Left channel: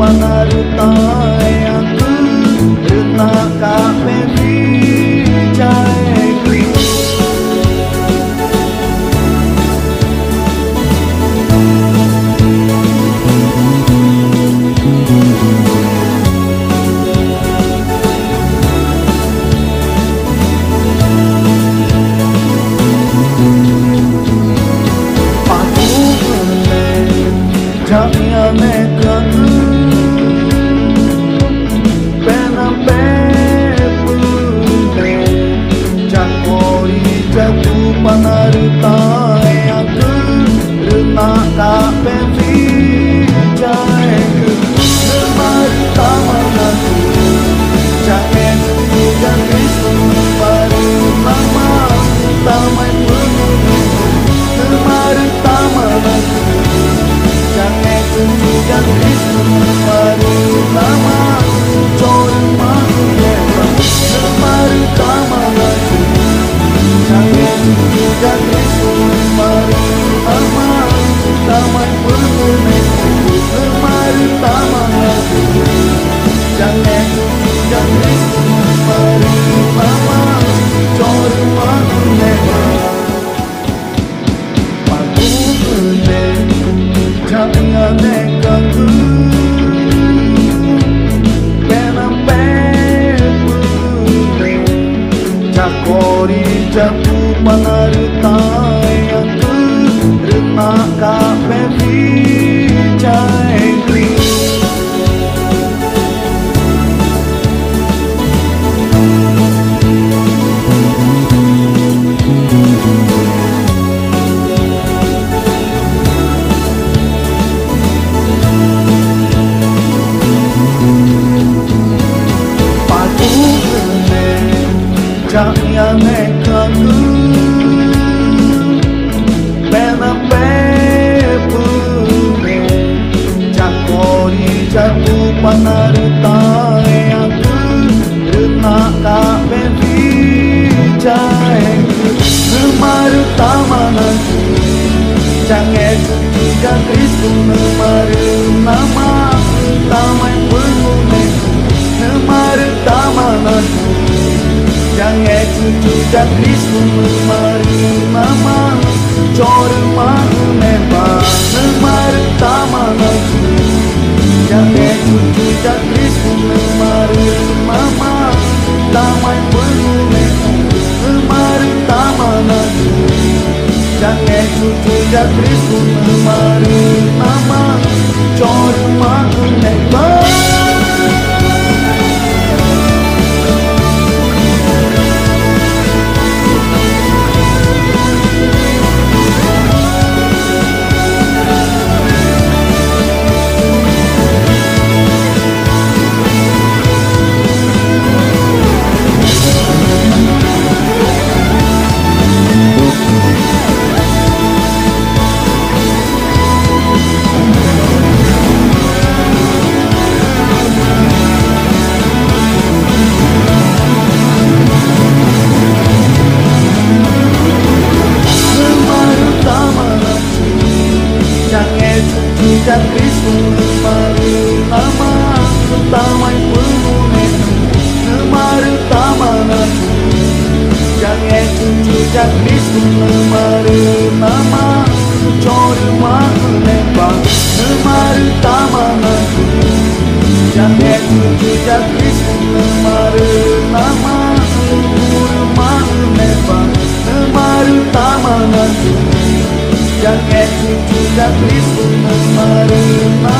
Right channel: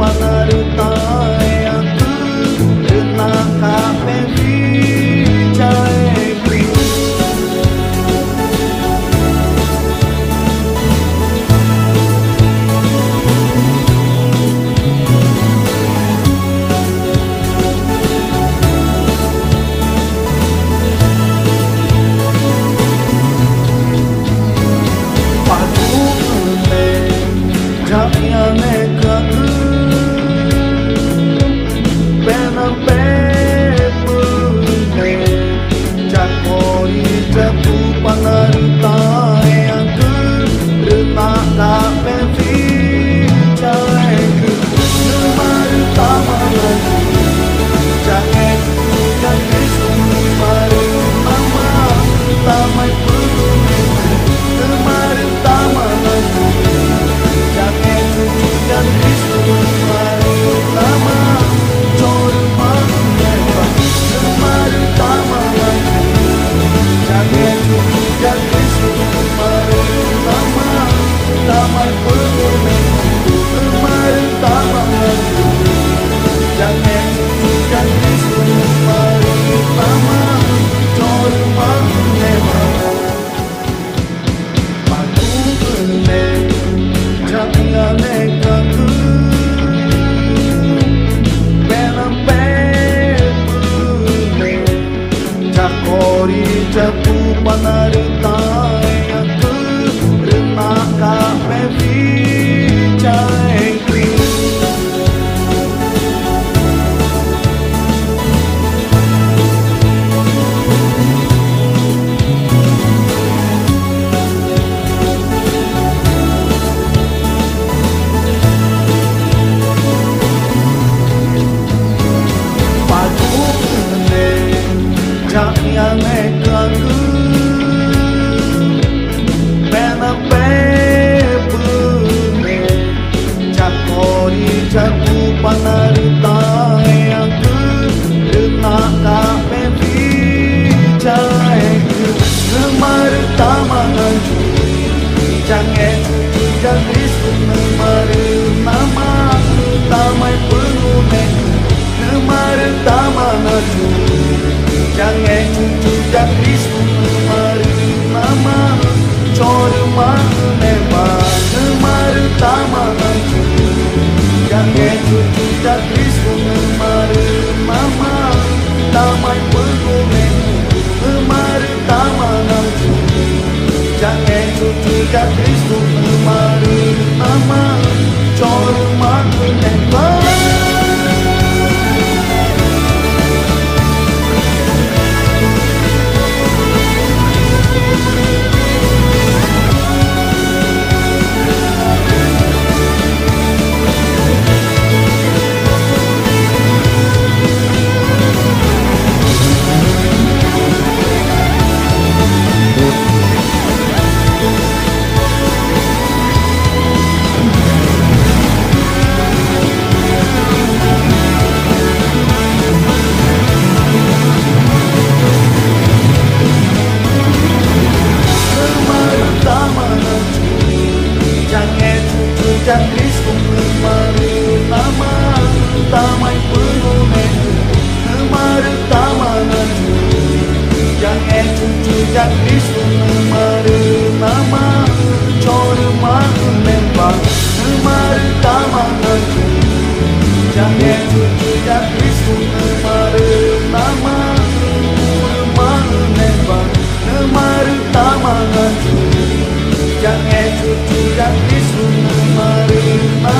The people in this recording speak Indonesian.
panarutai aku renak kape vijaeku. Jayane kangu pena pepune jakori jaku panarutai aku renak kape vijaeku nemaru tamananku jange cucu ya Kristus nemaru nama tamai pengumiku nemaru tamananku jange cucu ya Kristus nemaru nama coro maku lembang nemaru tamananku jange cucu ya Kristus nemaru nama tamai pengumiku nemaru tamananku jange cucu ya Kristus nemaru nama coro maku lembang paku meneng jayane kangu penam pepune jakori jaku panarutai aku renak kape vijaeku. Jayane kangu pena pepune jakori jaku panarutai aku renak kape vijaeku nemaru tamananku jange cucu ya Kristus nemaru nama tamai pengumiku nemaru tamananku jange cucu ya Kristus nemaru nama coro maku lembang nemaru tamananku jange cucu ya Kristus nemaru nama tamai pengumiku nemaru tamananku jange cucu ya Kristus nemaru nama coro maku lembang. Ya Kristus nemaru nama tamai pengumiku nemaru tamananku jange cucu ya Kristus nemaru nama coro maku lembang nemaru tamananku jange cucu ya Kristus nemaru nama coro maku lembang nemaru tamananku jange cucu ya Kristus nemaru nama